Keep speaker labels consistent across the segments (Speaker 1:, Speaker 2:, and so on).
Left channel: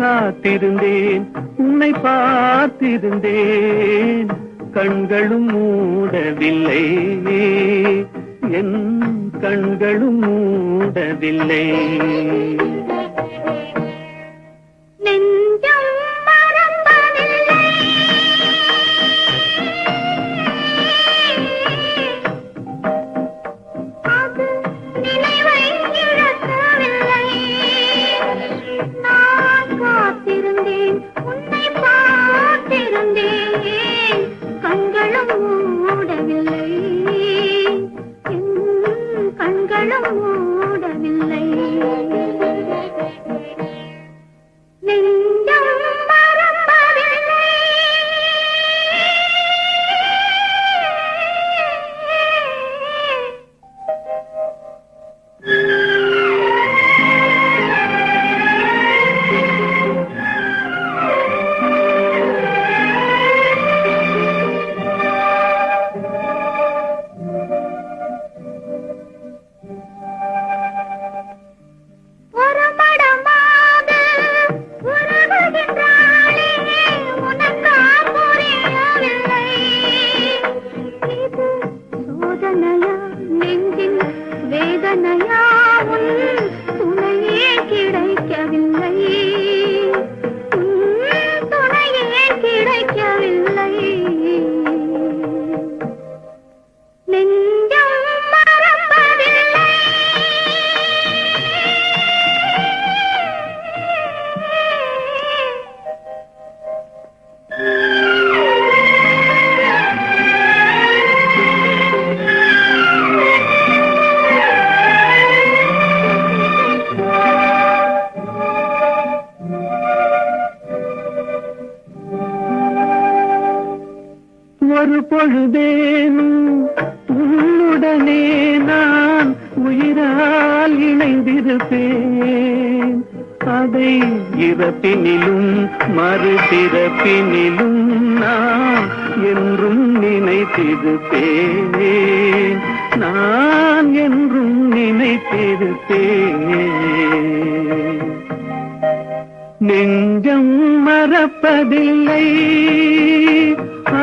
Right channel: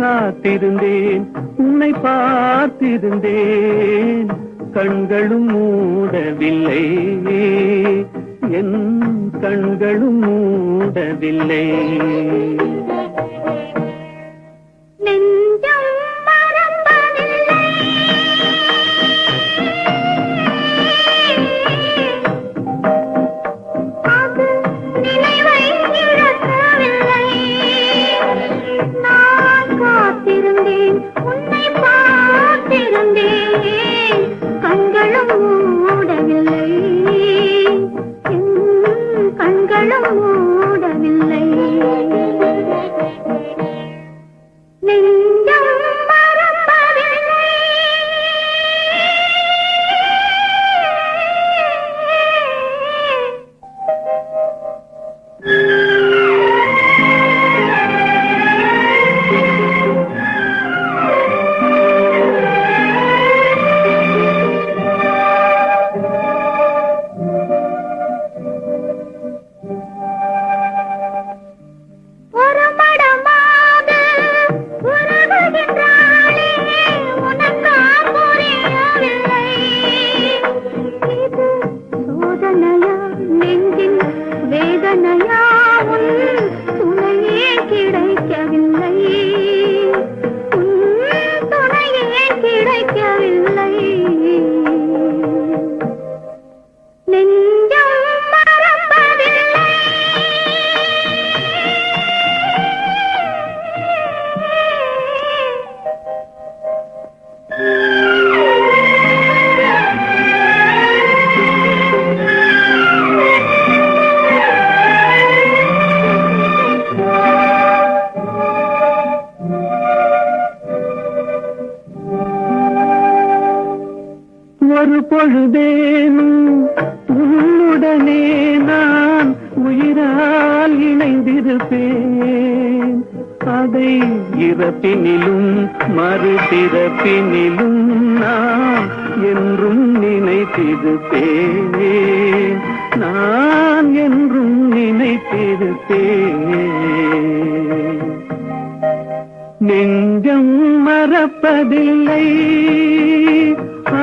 Speaker 1: காத்திருந்தேன் உன்னை பார்த்திருந்தேன். கண்களும் மூடவில்லை. என் கண்களும் மூடவில்லை.
Speaker 2: காத்திருந்தேன் ஒரு
Speaker 1: பொழுதேனும் உன்னுடனே நான் உயிரால் இணைந்திருப்பேன். அதை இறப்பினிலும் மறுபிறப்பினிலும் நான் என்றும் நினைத்திருப்பேன். நான் என்றும் நினைத்திருப்பேன். நெஞ்சம் மறப்பதில்லை.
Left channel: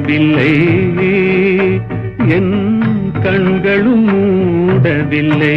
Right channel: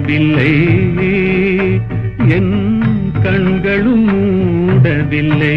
Speaker 1: மூடவில்லை என் கண்களும் மூடவில்லை.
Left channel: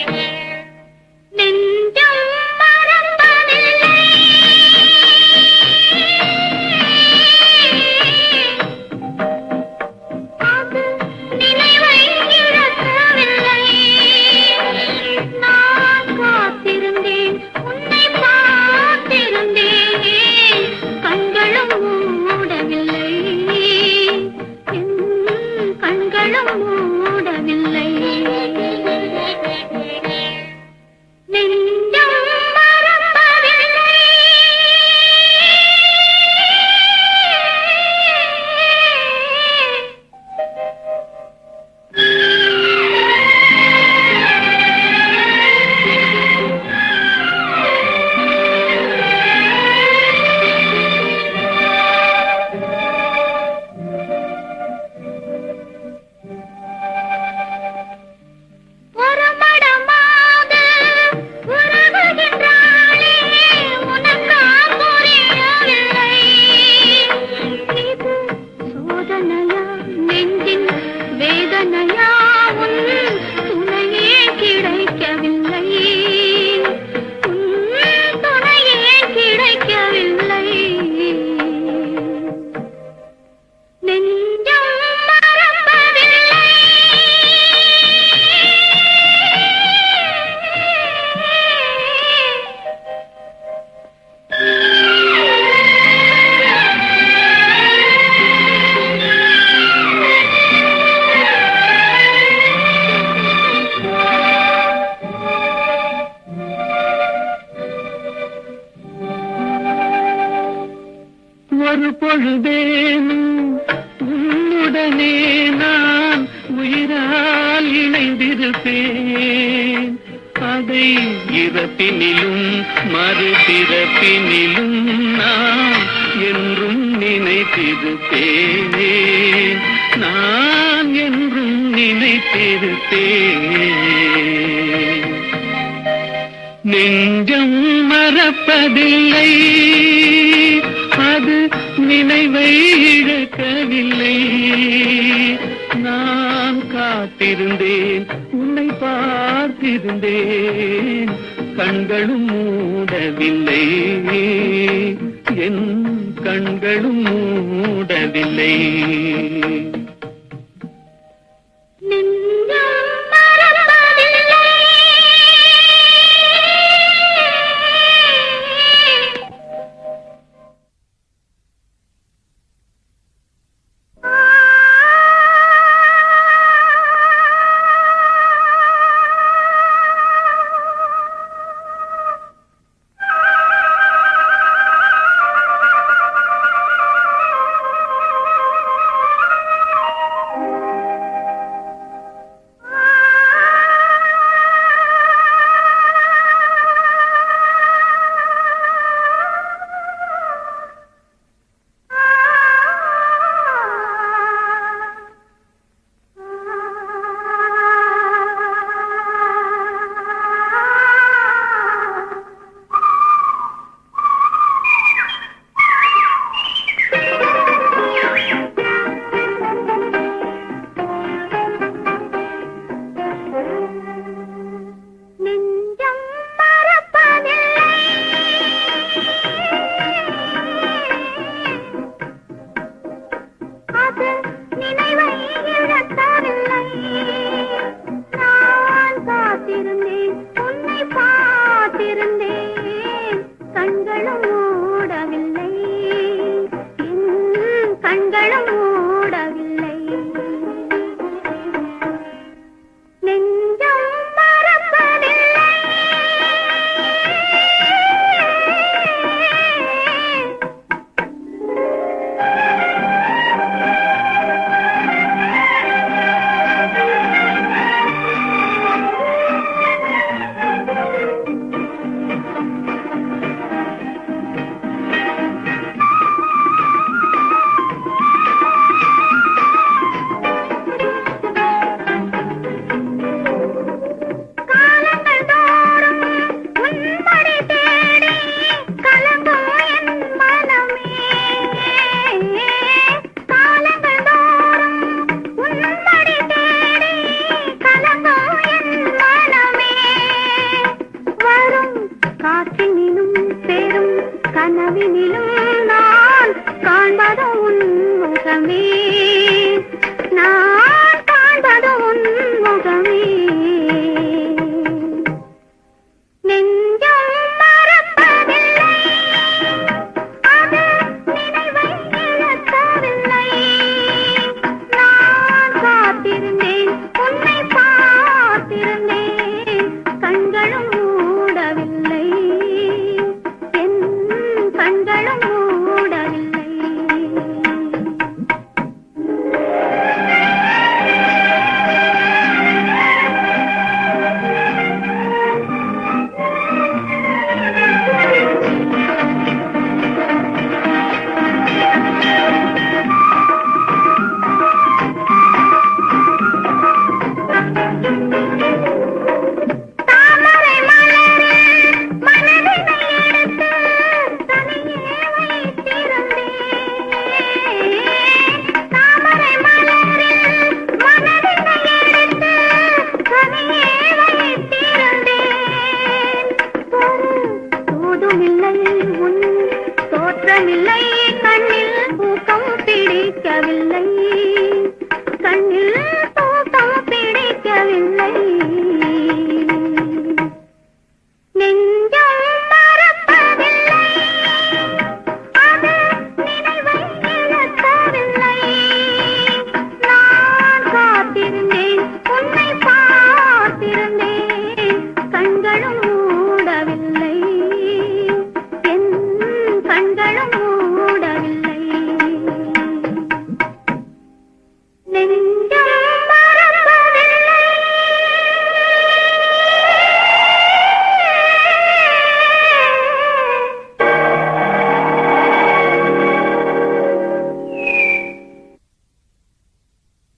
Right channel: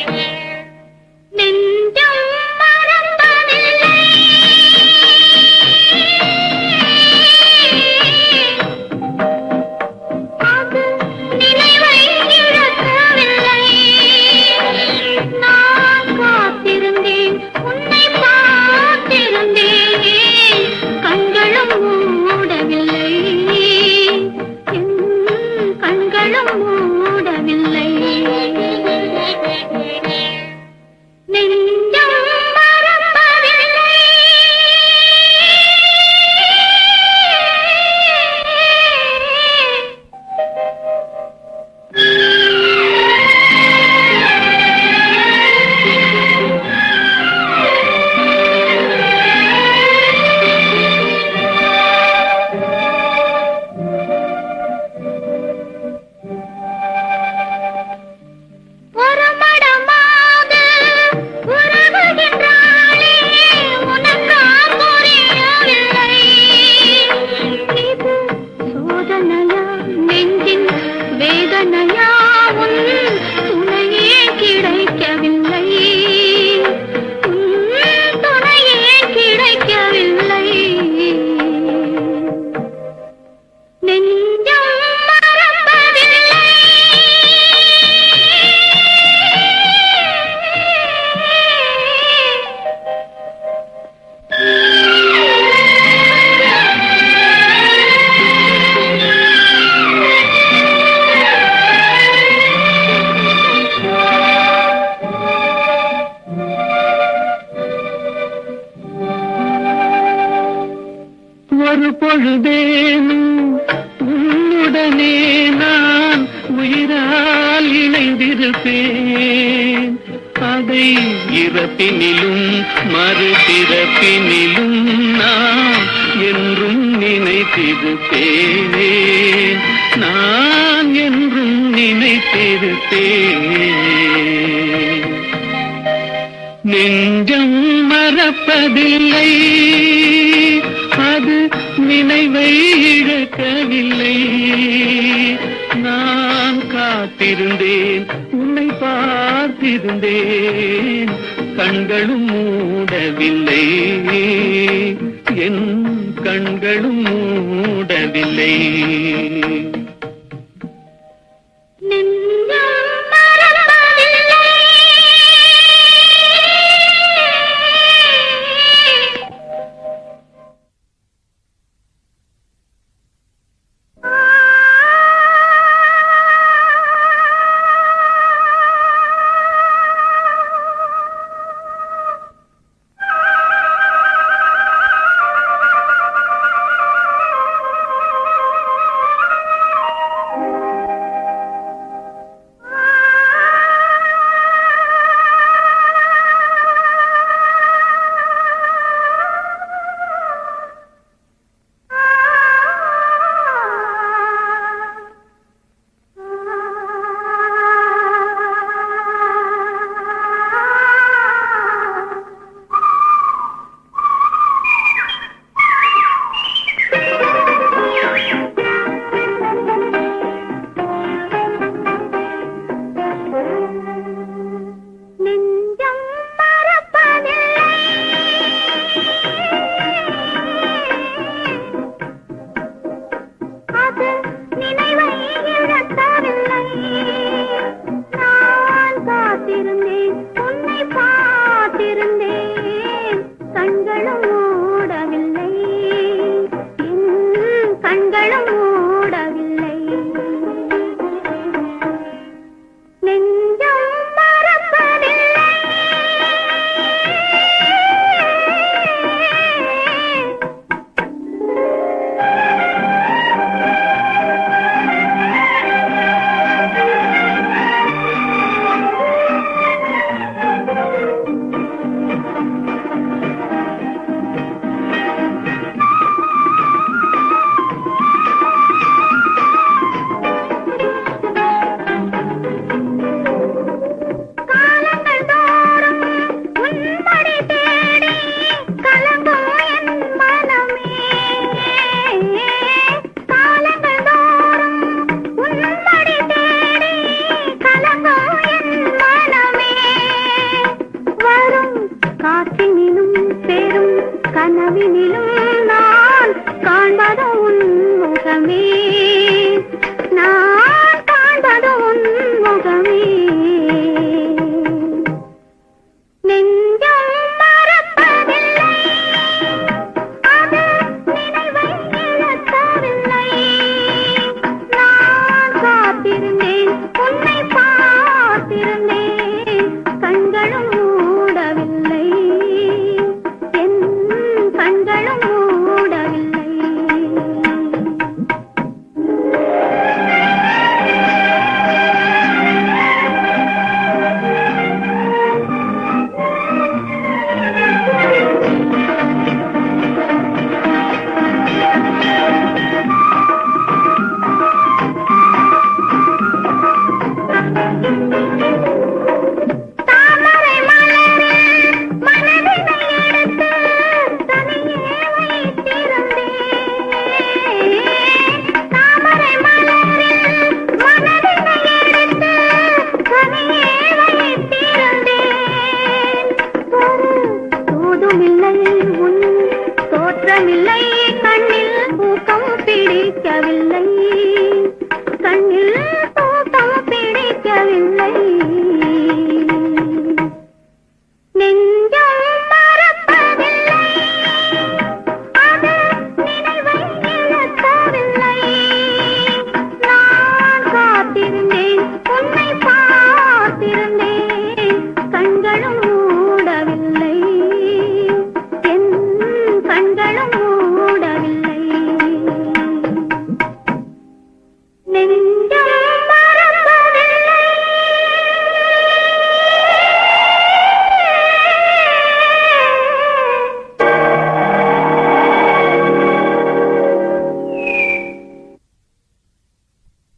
Speaker 1: వేదనయా ఉంది பொழுதேனும் உன்னுடனே நான் உயிரால் இணைந்திருப்பேன். அதை இறப்பினிலும் மறுபிறப்பினிலும் நான் என்றும் நினைத்திருப்பேன். நான் என்றும் நினைத்திருப்பேன். நெஞ்சம் மறப்பதில்லை. நினைவை இழக்கவில்லை நான் காத்திருந்தேன் உன்னை பார்த்திருந்தேன். கண்களும் மூடவில்லை. என் கண்களும் மூடவில்லை. காத்திருந்தேன் உன்னை
Speaker 2: காத்திருந்தேன்